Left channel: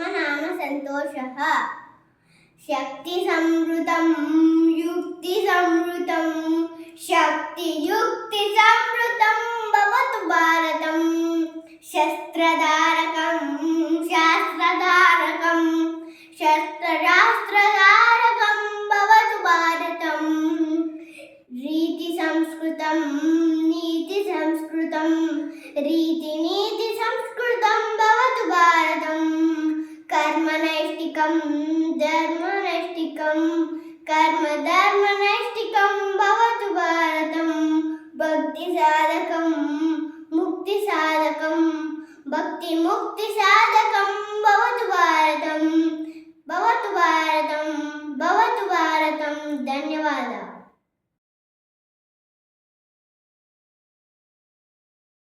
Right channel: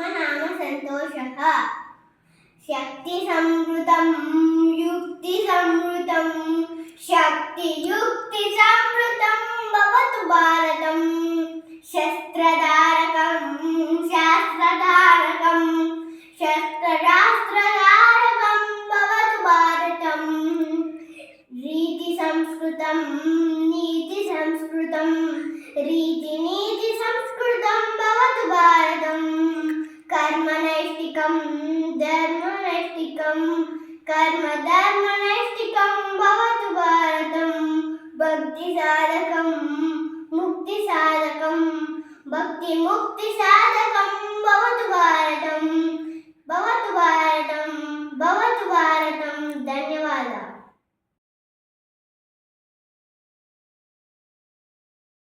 नाम सन्तोषः शक्तिसंवृतं युक्तिसंवृतं शक्तियुक्तिसंवृतं भवतु भारतं शस्त्रधारकं शास्त्रधारकं शस्त्रशास्त्रधारकं भवतु भारतं रीतिसंस्कृतं नीतिसंस्कृतं रीतिनीतिसंस्कृतं भवतु भारतं कर्मनैष्टिकं धर्मनैष्टिकं कर्मधर्मनैष्टिकं भवतु भारतं भक्तिसाधकं मुक्तिसाधकं भक्तिमुक्तिसाधकं भवतु भारतं